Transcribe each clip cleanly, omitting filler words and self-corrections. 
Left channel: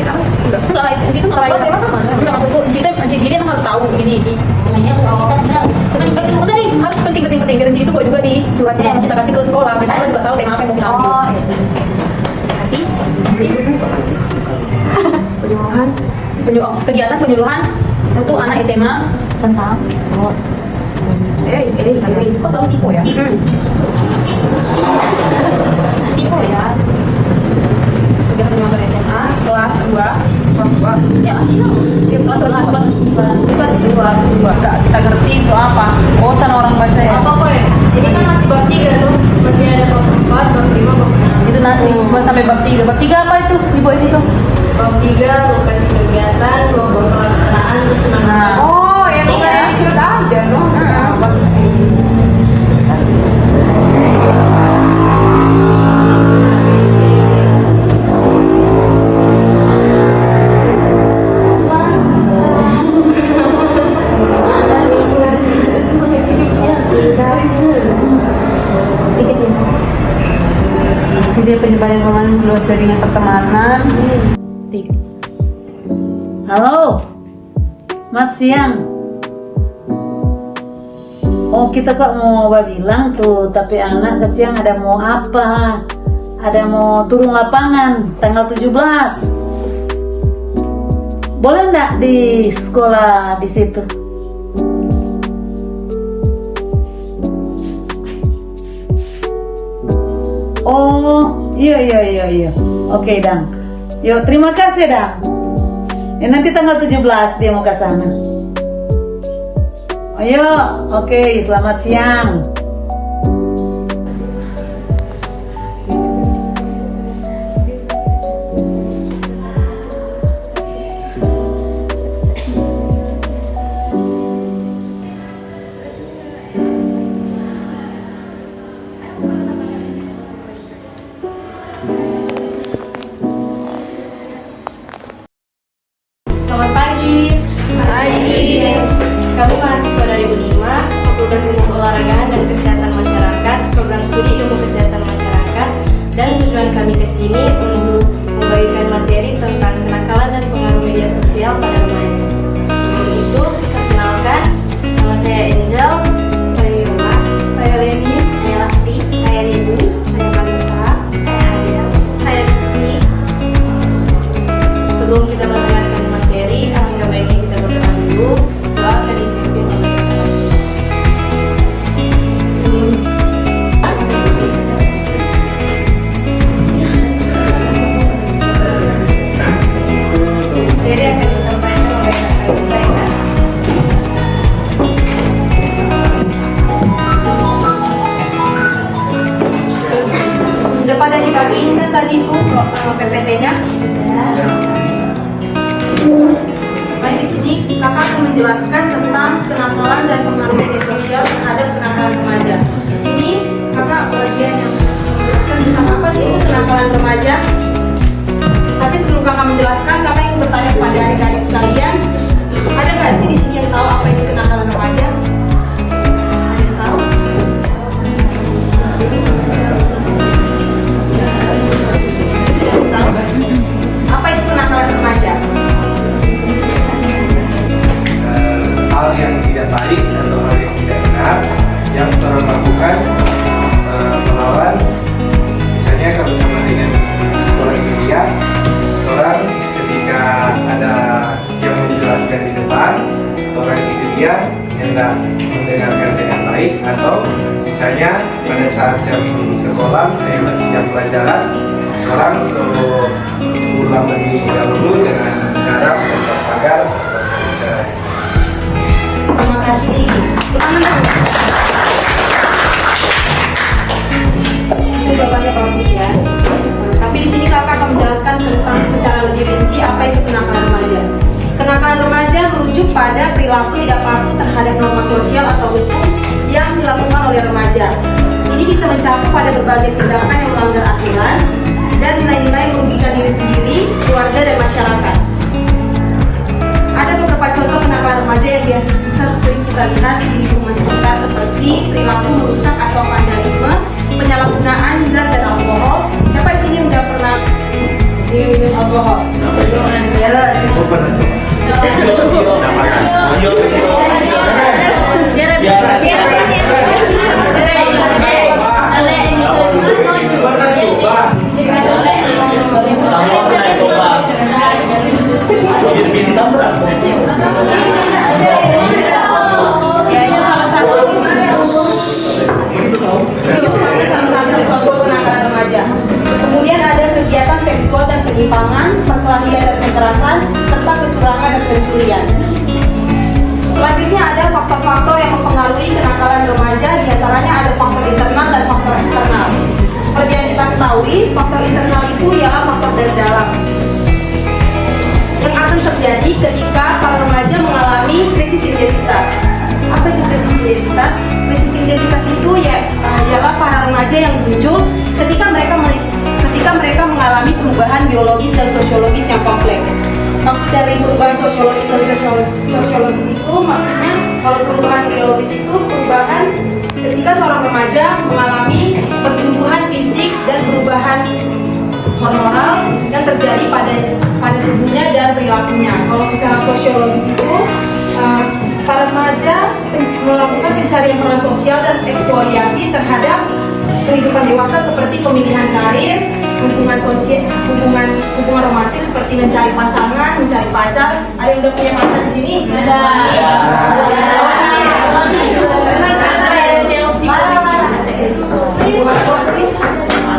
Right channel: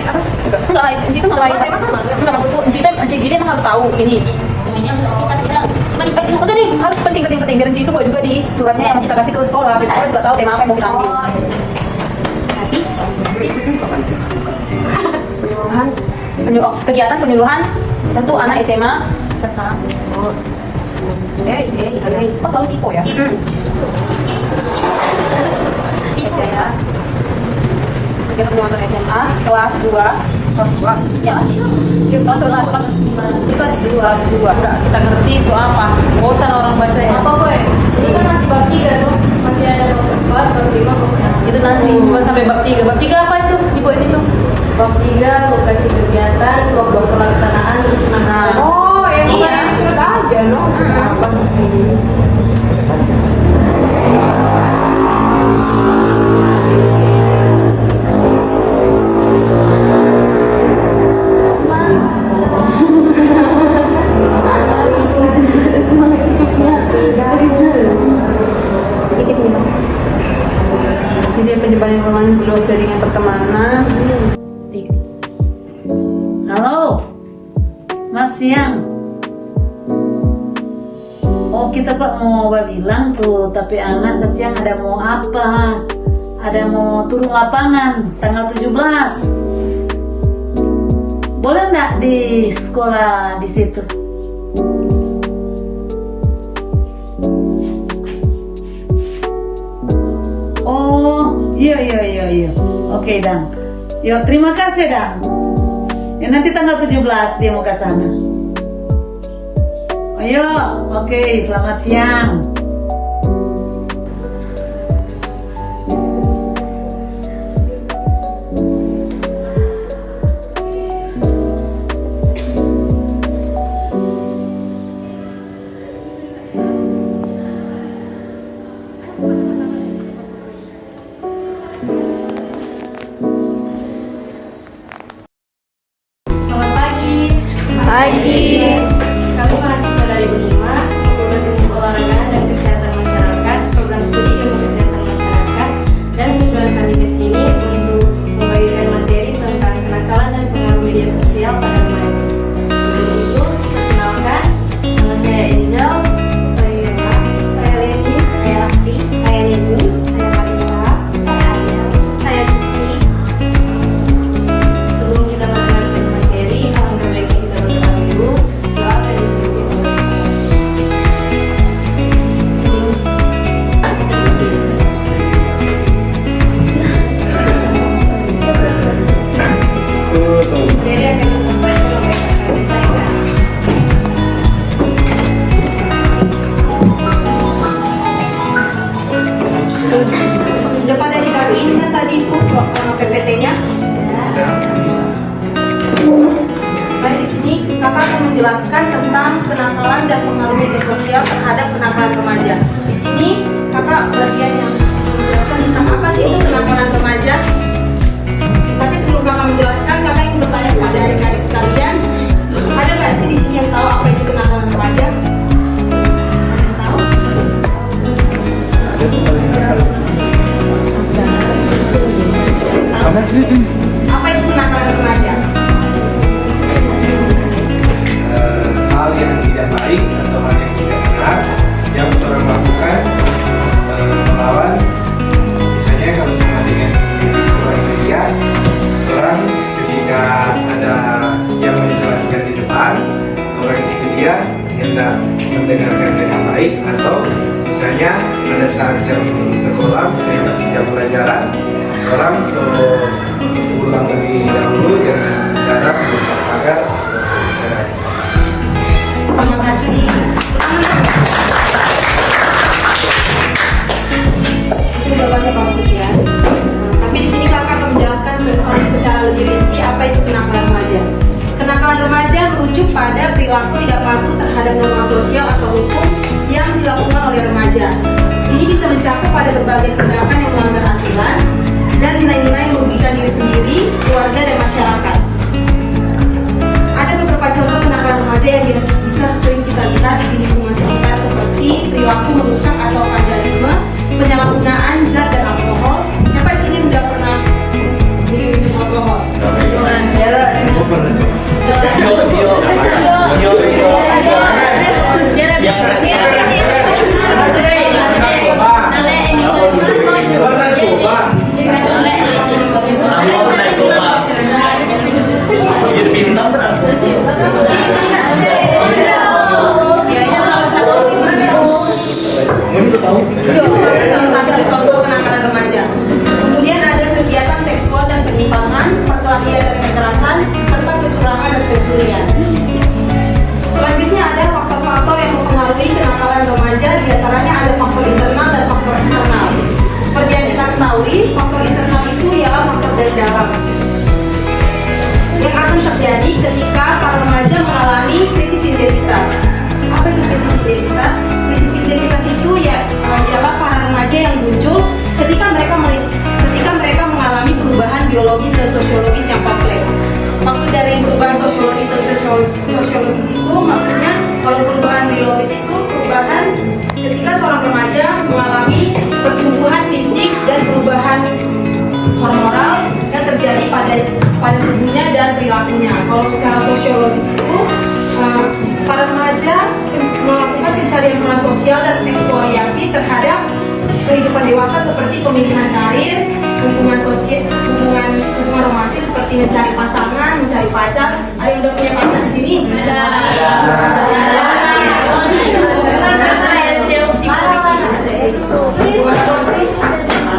enggak lah, Enci itu enggak kayak masa enggak maksudku Enci dia emang harus tahu ini namanya kita udah nih harus penting dan Enci itu buat juga di suratnya yang kita kasih ke sekolah biar sekolah juga tahu tema apa yang mau kita ambil. Kegiatan penyuluhan tentu anak SMA tentang soal tipe ya. Tipe ya. Juga teman-teman SMA kelas 2 ya kelas 2 kita ngerti itu apa bosan orang baca ya apa ya ini kan masih bab 3 tuh masih ada bab 4 bab 5 bab 6 itu nanti cuma sampai bab 3 apa itu di bawah situ bab 3 lokasi kegiatan program pelaksanaan kesenangan oh yang di surat aja dong bab jadi penyebaran ruangan keluar jaringan pertemanan. Halo, selamat siang. Oh kita kok mau bilang tuh, tapi anak kesiang ada mau apa? Ada mau turun lapangan tanggal 17. Boleh nggak di sekolah di situ? Oh, iya. Oke, Dang. Yuk, terima kasih, Dang. Ya, nanti tanggal 17 dia mau ke sana. Oh, yuk. Oke, selamat siang. Selamat pagi. Kami mahasiswa dari Unima, Fakultas Ilmu Olahraga dan Kesehatan Masyarakat, Program Studi Ilmu Kesehatan Masyarakat, dan tujuan kami ke sini untuk membagikan materi tentang kenakalan dan pengaruh media sosial pada remaja. Sebelum itu, perkenalkan, nama saya Angel, saya Yoma, saya Leni, saya Lastri, saya Dewi, saya Marista, saya Adel, saya Cici. Sebelum kita mendengarkan materi, alangkah baiknya kita berdoa dulu. Doa akan dipimpin oleh kita. Sebelum materi akan disampaikan oleh Kak Kaista ya. Udah pada dibagiin kan tadi itu PPT-nya? Baik, di sini kakak akan menjelaskan tentang kenakalan dan pengaruh media sosial terhadap kenakalan remaja. Di sini kakak bagian yang menjelaskan tentang apa sih ini kenakalan remaja. Tapi sebelum kakak menjelaskan, kakak ingin bertanya kepada adik-adik sekalian, ada nggak sih di sini yang tahu apa itu kenakalan remaja? Ada yang tahu? Apa itu kenakalan remaja? Hal yang tidak baik atau hal yang tidak benar yang orang lakukan melawan, misalnya kalau sama dengan sekolah ilmiah, orang ketika ada yang menjelaskan di depan, orang itu dia hendak mendengarkan dengan baik, atau misalnya pada saat jam sekolah saya masih jam pelajaran, orang suruh ulang lebih dahulu dengan cara agar berbicara. Terima kasih. Itu jawabannya bagus ya. Tapi di sini kakak akan menjelaskan tentang secara lebih rinci apa itu kenakalan remaja. Kenakalan remaja merujuk pada perilaku tidak patuh terhadap norma sosial atau hukum yang dilakukan oleh remaja. Ini bisa mencakup pada berbagai tindakan yang melanggar aturan dan nilai-nilai yang merugikan diri sendiri, keluarga, dan masyarakat. Ada beberapa contoh kenakalan remaja yang bisa sering kita lihat di lingkungan sekitar, seperti perilaku merusak atau vandalisme, penyalahgunaan zat dan alkohol. Siapa di sini udah pernah minum alkohol? Oh, pernah coba. Ya, ini salah satu kenakalan remaja. Kemudian ada kegiatan seksual dan penyimpangan, perkelahian dan kekerasan, serta kecurangan dan pencurian. Selanjutnya ada faktor-faktor yang mempengaruhi kenakalan remaja, diantaranya ada faktor internal dan faktor eksternal. Seperti yang kita ketahui, faktor internal itu ialah faktor dari dalam yang akan terjadi ketika para remaja mengalami krisis identitas. Apa itu krisis identitas? Krisis identitas itu ialah para remaja yang muncul ketika mereka mengalami perubahan biologis dan sosiologis yang kompleks. Maksud dari perubahan sosiologis dan sosiologis itu maksudnya, kalau perubahan biologis itu perubahan ketika seorang remaja mengalami pertumbuhan fisik dan perubahan hormonal yang terjadi pada tubuhnya dan perilakunya. Kalau secara sosiologis itu para remaja melakukan pencarian peran sosial dan eksplorasi terhadap kehidupan dewasa seperti pemilihan karir, hubungan sosial, hubungan romantis seperti mencari pasangan, mencari pacar. Ada yang udah punya pacar di sini? Ada.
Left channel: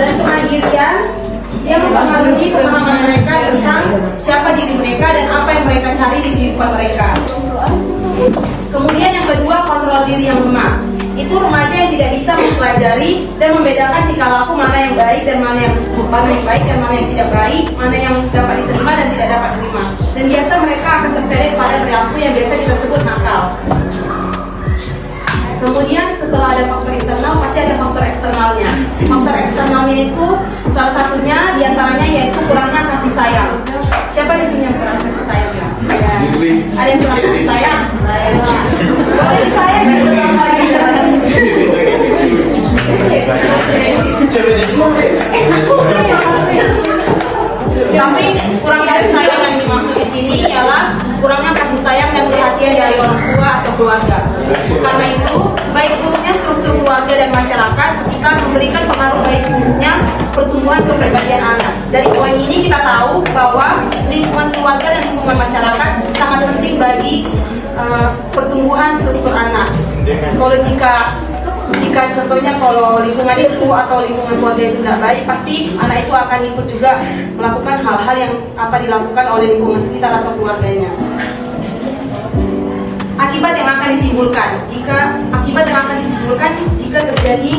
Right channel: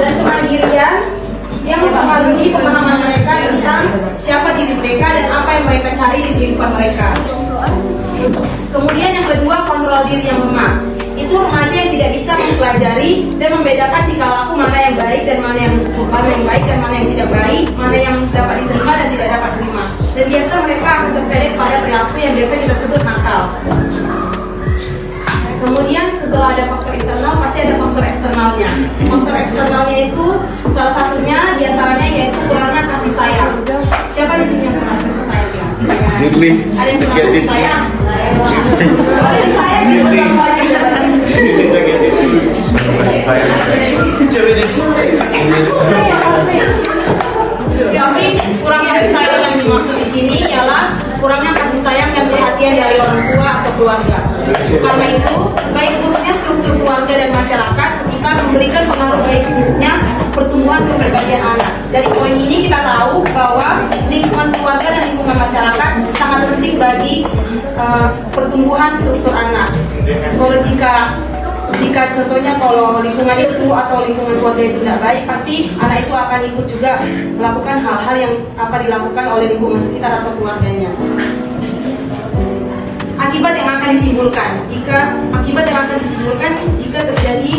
Dan kemandirian yang mempengaruhi pemahaman mereka tentang siapa diri mereka dan apa yang mereka cari di kehidupan mereka. Kemudian yang kedua, kontrol diri yang lemah. Itu remaja yang tidak bisa mempelajari dan membedakan tingkah laku mana yang baik dan mana yang tidak baik, mana yang dapat diterima dan tidak dapat diterima. Dan biasa mereka akan terseret pada perilaku yang biasa kita sebut nakal. Kemudian setelah ada faktor internal, pasti ada faktor eksternalnya. Faktor eksternalnya itu salah satunya diantaranya yaitu kurangnya kasih sayang. Siapa di sini yang kurang kasih sayang? Ada yang kurang kasih sayang? Boleh disayang dan bertambah lagi. Tapi kurang kasih sayang yang dimaksud di sini ialah kurangnya kasih sayang dan perhatian dari orang tua atau keluarga. Karena itu, baik buruknya struktur keluarga dan masyarakat sekitar memberikan pengaruh baik buruknya pertumbuhan kepribadian anak. Dari poin ini kita tahu bahwa lingkungan keluarga dan lingkungan masyarakat sangat penting bagi pertumbuhan struktur anak. Kalau jika contohnya kalau lingkungan itu atau lingkungan keluarga itu tidak baik, pasti anak itu akan ikut juga melakukan hal-hal yang dilakukan oleh lingkungan sekitar atau keluarganya. Akibat yang akan ditimbulkan jika terjadi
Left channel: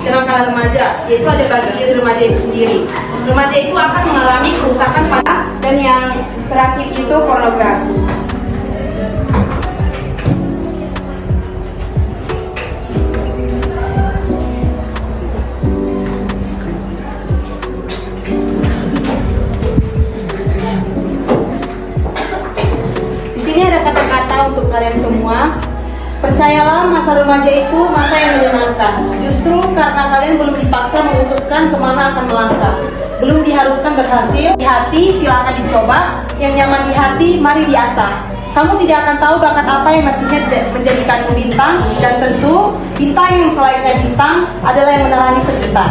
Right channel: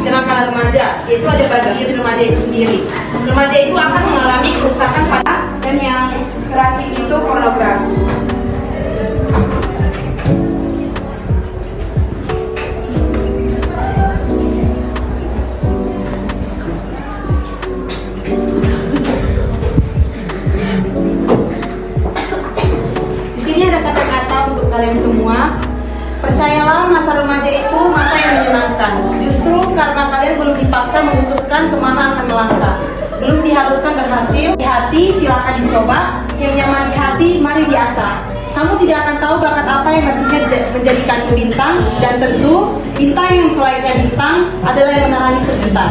kenakalan remaja, yaitu ada bagi diri remaja itu sendiri. Remaja itu akan mengalami kerusakan pada, dan yang terakhir itu pornografi. Kalian semua, percayalah masa remaja itu masa yang menyenangkan. Justru karena kalian belum dipaksa memutuskan kemana akan melangkah, belum diharuskan berhasil. Di hati silakan dicoba, yang nyaman di hati mari diasah. Kamu tidak akan tahu bakat apa yang nantinya menjadikanmu bintang, dan tentu bintang yang selainnya bintang adalah yang menerangi sekitar.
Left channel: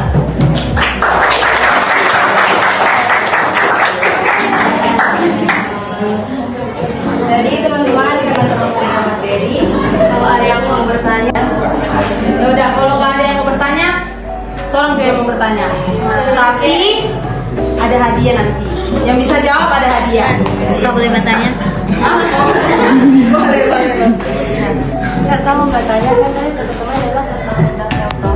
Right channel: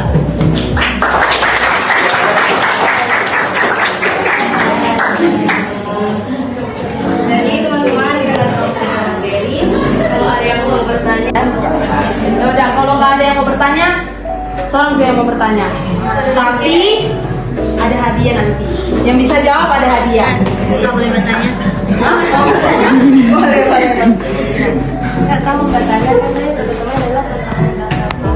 Jadi teman-teman, kalau ada yang mau bertanya, udah. Kalau nggak ada yang mau bertanya, tolong jangan mau bertanya. Tapi ada hadiah nanti. Yang bisa jawab ada hadiah. Nggak boleh bertanya. Nggak tahu bertanya kan tadi teman-teman adalah tentang apa?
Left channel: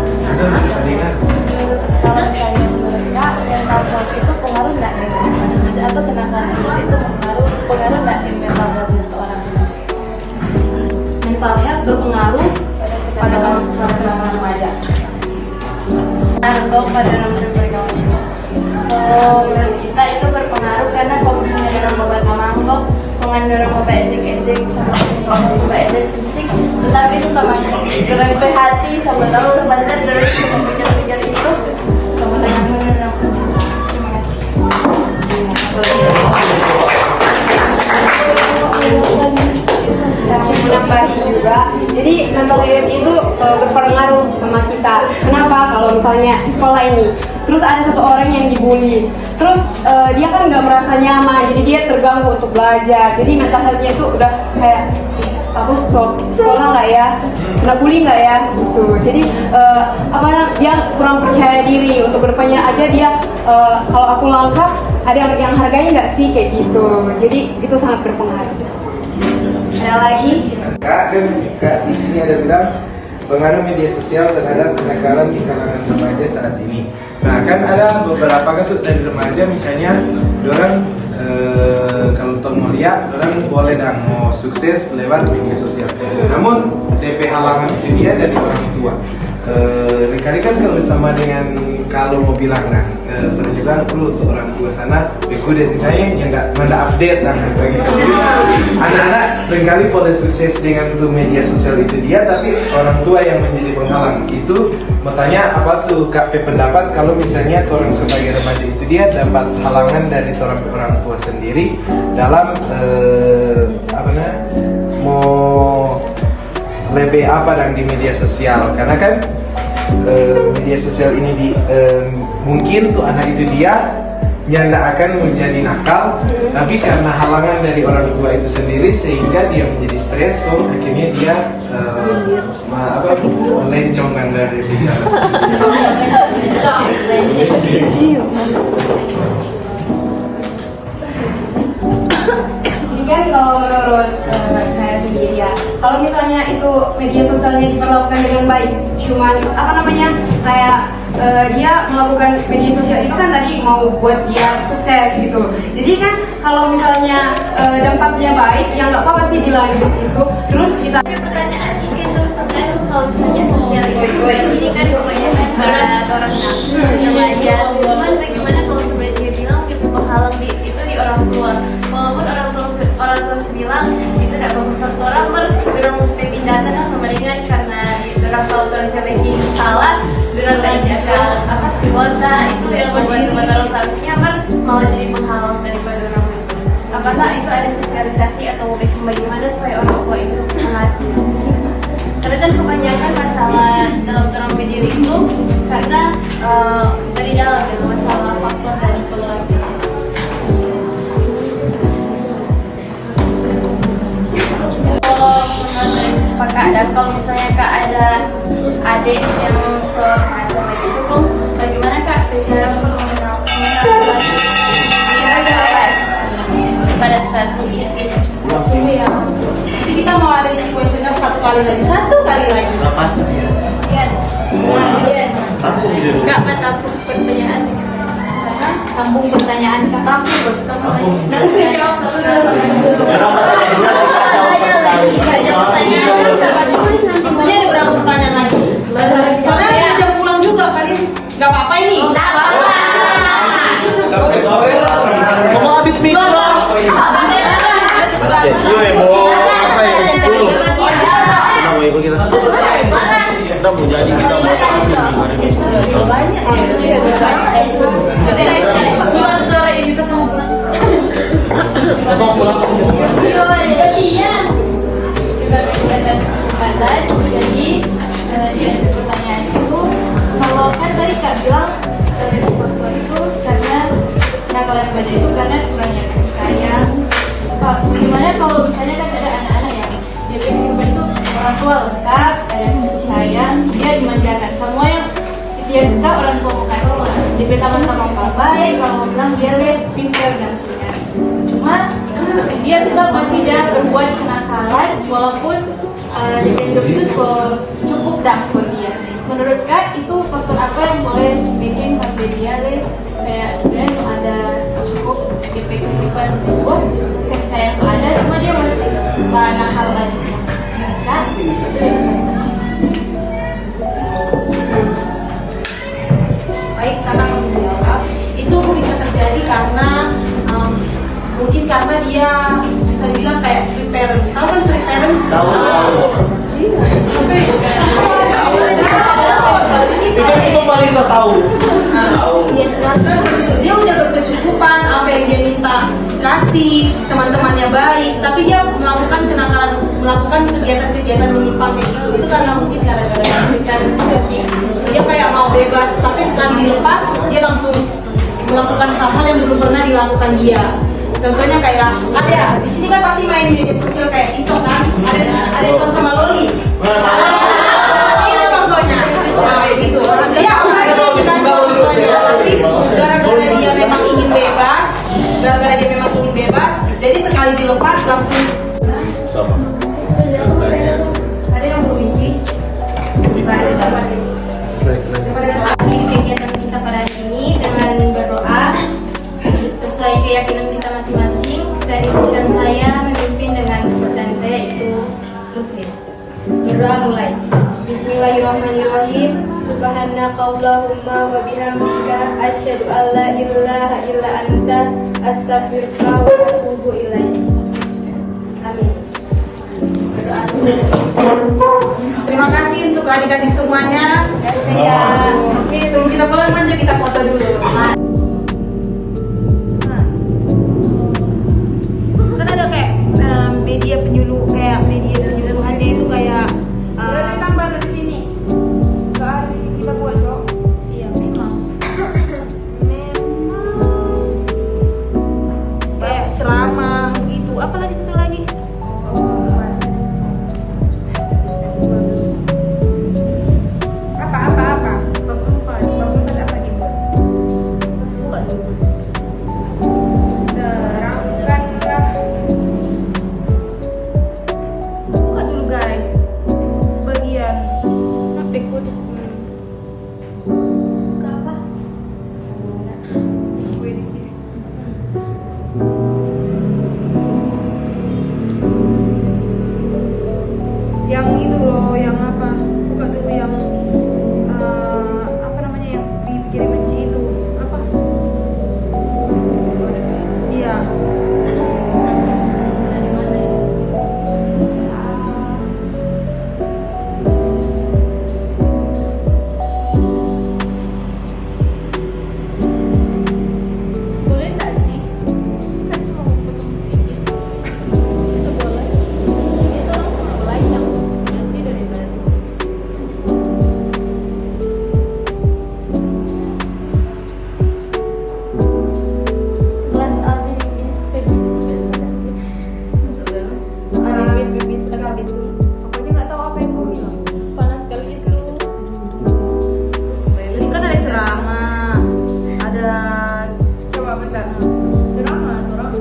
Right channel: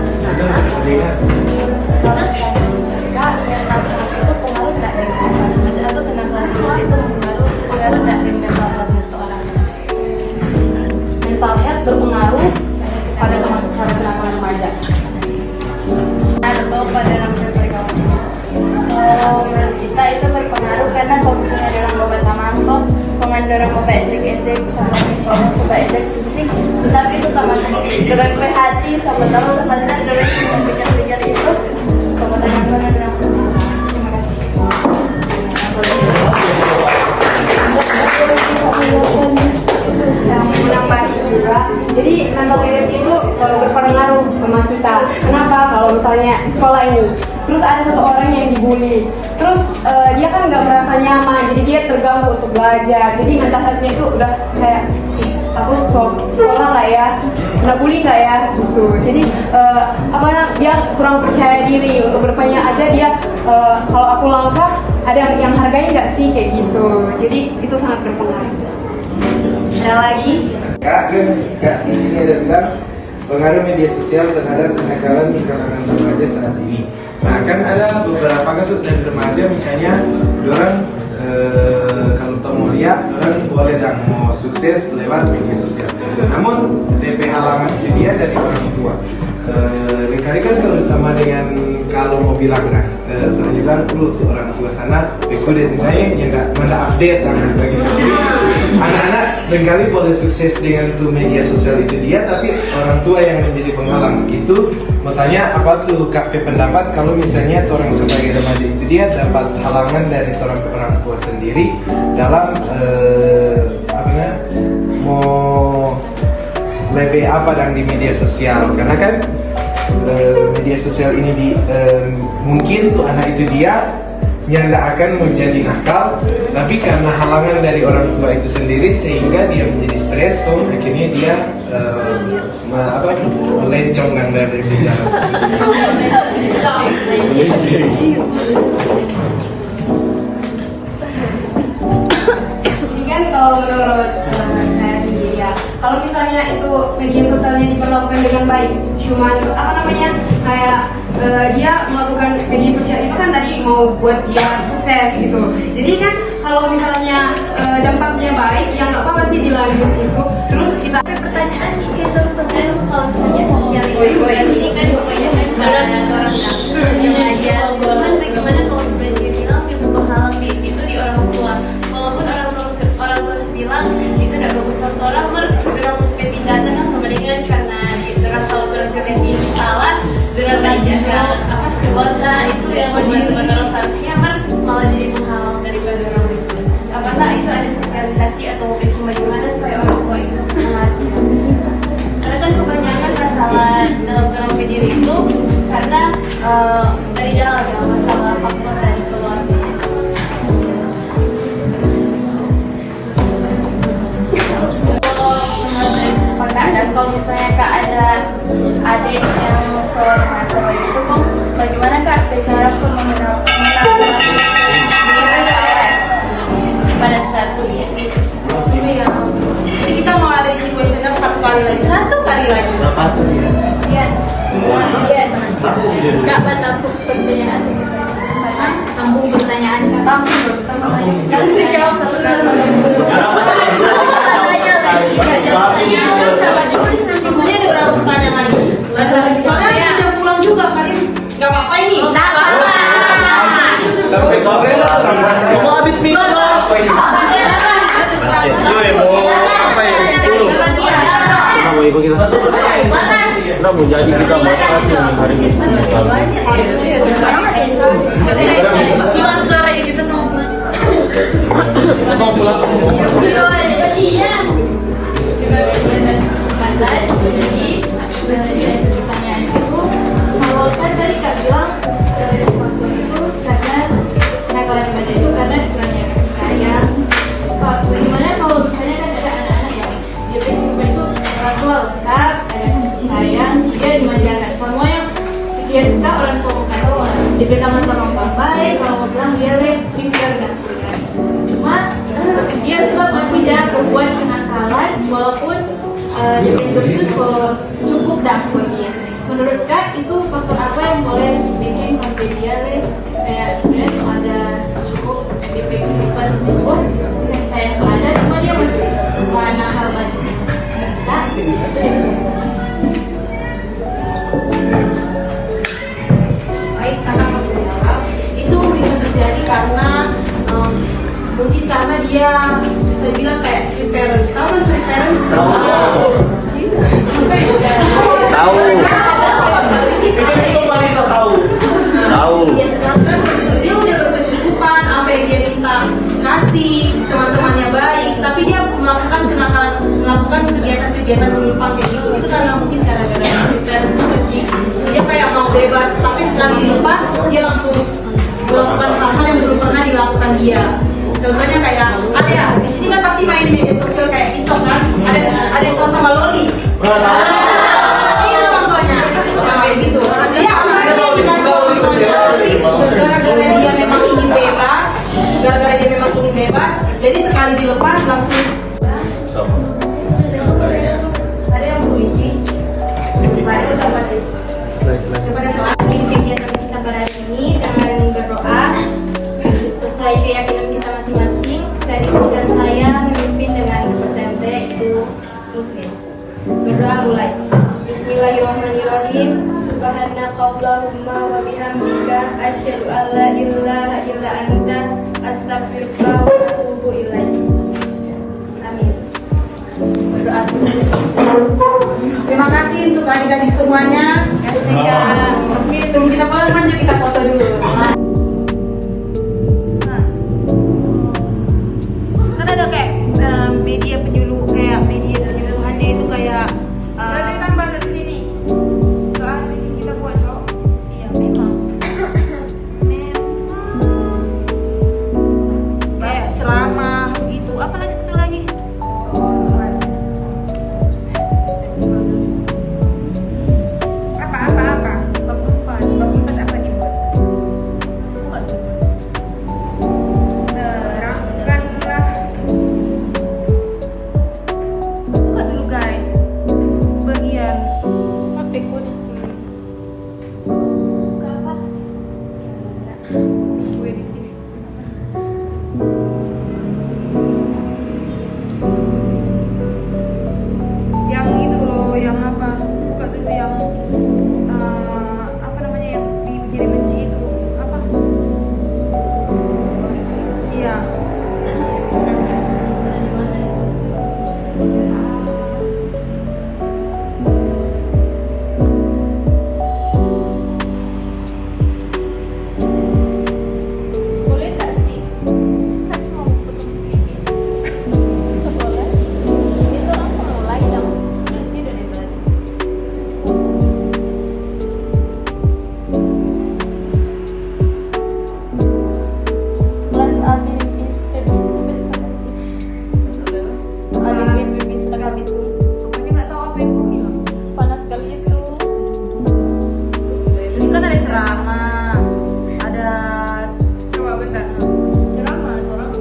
Kalau saya mereka yang tahu itu pengaruh nggak dengan apa? Maksudnya itu kenakalan itu pengaruh nggak dengan seorang mental health berpengaruh pada kenakalan remaja atau pada remaja pergaulan. Menurut kita itu berpengaruh karena kalau misalnya dorong babat tamang dengan dorong babat ejek-ejek sama kalau coba ejek fisik, tetapi itu tak masuk dorong ke hati sama tahu sebenarnya dorong semua pikir-pikir itu sama dengan dorong. Terima kasih. kita. Kenapa? Kalau misalnya di sekolah ini, terus ada satu orang yang dibully, terus dia kan nggak merasa nyaman, jadi dia terganggu untuk belajar. Jadi mental health-nya itu udah kayak aku sekolah nggak ya, kena bully nggak ya, gitu. Jadi dia kurang percaya diri untuk bertanya aja dia kalau aku langkah ada yang harganya nggak sih kayak gitu. Jadi itu sangat berpengaruh. Ada lagi? Kak di sini ada bilang pengaruh media sosial terhadap kenakalan di kalangan remaja saat ini. Nah, kan ada beberapa kasus dari remaja, misalnya orang kalau kita mau lihat, orang boleh dan mau sukses lewat media sosial. Namun DP halangan itu dia dari orang tua. Kali kan kalau sama dengan kalau mau bilang ternyata perlu untuk orang tua sana ikut misalnya yang nggak update dan bagi anak-anak seringkali boleh sukses dengan media sosial itu dia, tapi orang tua yang menjadi penghalang. Itu makanya apa tuh Kak pendapat kalau misalnya orang sebagai remaja itu dia dapat halangan dari orang tua sendiri dalam mau lebih apa dan di media sosial, karena kan media sosial ini mungkin tuh anak itu dia yang tidak akan menjadi nakal, tapi karena halangan dari orang tua itu sendiri sehingga dia menjadi stres, kok akhirnya dia melencong dari jalan. Ini kan kalau menurut saya sendiri ya, kalau misalnya itu media sosialnya diperlakukan dengan baik, cuman kayak dia melakukan media sosial itu kan tadi mau buat dia sukses gitu. Jadi kan kalau misalnya dampaknya baik, ya nggak apa-apa sih dilanjut itu. Terus kita pertanyaan gitu sebenarnya kalau misalnya sosialisasi ini kan kebanyakan orang remaja. Cuman bagaimana kalau sebenarnya dia bilang itu penghalang itu di orang tua. Walaupun orang tua bilang itu tidak bagus buat orang tindakan sama dengan karena orang tahu kerja bikin salah, orang nggak jaga keluarga itu yang membuat orang seharusnya kan malah jadi penghalang daripada orang itu. Apakah itu ada sosialisasi atau bagaimana supaya orang tua itu mengerti? Tapi kan kebanyakan masalah dalam terapi diri itu karena dari dalam ya, masalah faktor dari keluarga. Menurut Kak, dan kalau misalnya Kak ada adik yang masalah itu tuh bagaimana Kak cara mengenalkan masalah pada saat ini? Jadi kita mau ada isi kuesioner satu kali lagi. Berapa dia? Iya. Aku video dulu. Kak, tampung pertanyaan. Tampung pertanyaan Kak. Maksudnya ada berapa pertanyaan lagi? Soalnya ada jam pulang juga, kalian nggak apa-apa ini. Sampai sore Kamu habis mikro. Kita mau ikut kita. Kita mau jadi kita mau. Jadi pertanyaan itu kalau kan tadi Kak bilang faktor itu karena kenakalan remaja itu karena kurangnya kasih sayang. Pak, bagaimana kalau misalnya kan ada anak-anak yang dia kehidupan itu orang tua lengkap, ada kasih sayang, dia dimanjakan semua yang dia suka orang tua mau kasih. Dia teman-teman baik, kalau bilang dia pintar dan sebagainya. Cuma dia tetap masih ada berbuat kenakalan walaupun Nintendo itu cukup dangkul dia. Menurut Kak itu faktor apa yang boleh bikin sampai dia kayak sebenarnya ada secukup DP kita secukup kasih sayang ada, cuma dia masih nakal lagi. Kak itu yang Baik, karena kamu jawab itu bisa terjadi karena mungkin karena dia bisa bilang kayak street parents. Tahu kan street parents? Dia udah berkecukupan, apa yang dia minta kasih, teman-temannya baik, tapi dia melakukan kenakalan melakukan kegiatan-kegiatan menyimpang kayak gitu. Itu karena mungkin gara-gara pikiran juga sih. Dia kayak mau bebas, tapi sekali dilepas dia langsung melakukan hal-hal yang belum pernah dilakukan dia. Contohnya kayak ada ya, di sini kan pasti main media sosial kayak TikTok kan, ada TikTok sama Loli. Itu contohnya. Nah gitu. Dia awalnya dikasih orang tuanya, tapi gara-gara dia memang ingin bebas, jadi sekali dilepas langsung. Ada yang permisi. Kegiatan kita pada hari ini dengan berdoa sesuai keyakinan kita masing-masing. Dari dan saya memimpin dengan kepercayaan saya itu Muslim. Berdoa mulai. Bismillahirrahmanirrahim. Subhanakallahumma wa bihamdika asyhadu an la ilaha illa anta astaghfiruka wa atubu ilaik. Amin. Berdoa Terima kasih untuk adik-adik semuanya. Sebelum kita pulang manja kita foto dulu. Kan ada kayak media penyuluhan dia itu kayak tambah di sini. Enggak di sini kita buat, Cok. Iya, memang. Kayak ceramah begitu. Apalagi satu lagi? Apa? Bab 4 apa dibuat? Buka dulu. Terangkanlah. Buka dulu guys. Sebagian. HP ku di sini. Buka apa? Gue di sini. Yang itu loh, yang apa? Buka dulu yang apa namanya yang dibikin benci itu apa? Iya. Boleh nggak sih? Kan cuma mau potong sedikit. Boleh. Ini langsung mulai dong. Masih dari tadi. Kelas ABBS sekali itu. Aku aja nggak tahu apa yang kau bilang. Panas sekali itu. Ini kan ada ceramah, ada Coba bentar. Drama atau orang?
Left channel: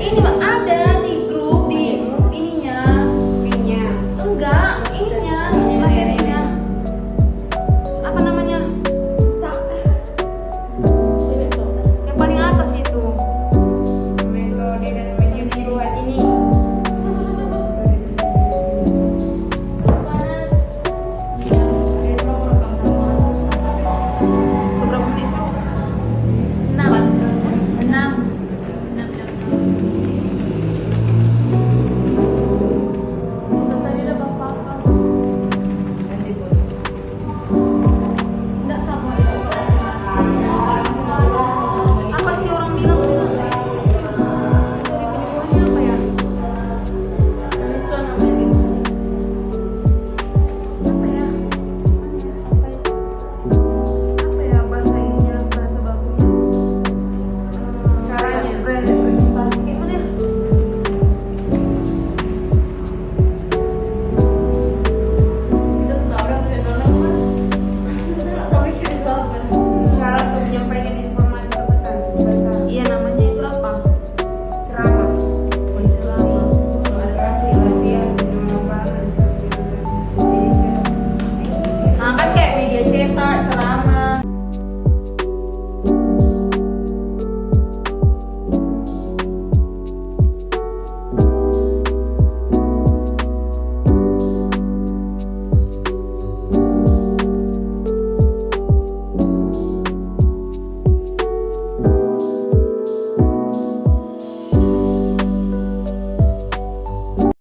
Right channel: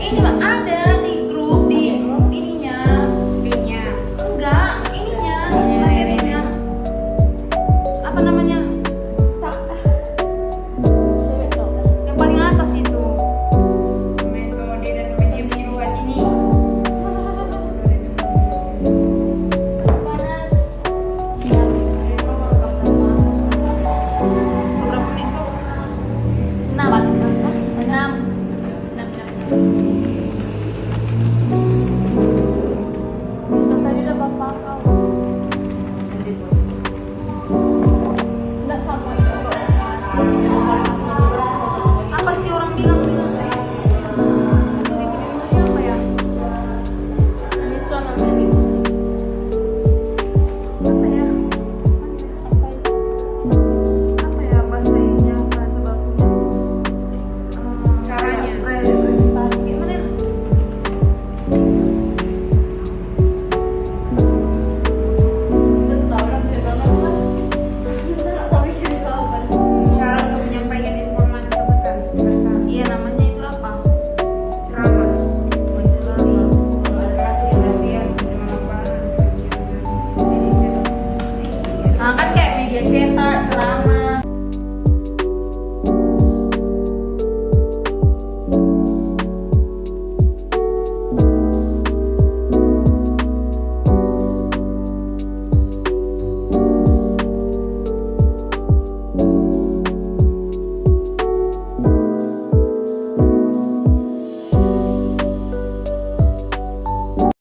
Ini mah ada di grup di ininya. Enggak, ininya materinya. Apa namanya? Yang paling atas itu. Metode dan media penyuluhan ini. Panas. seberapa menit sih? 6. Tadi udah bapak kau. Enggak sama itu kok. Apa sih orang bilang? Dari penyuluhannya apa ya? Misal namanya. Apa ya? Apa ya bahasa ininya, bahasa bagusnya? Caranya. Presentasi gimana ya? Itu setahunan kan? Enggak tahu cerita apa. Cara untuk menyampaikan informasi atau pesan. Iya namanya itu apa? Ceramah. Ceramah. Ada satu lagi yang Nah kan kayak media cetak, ceramah,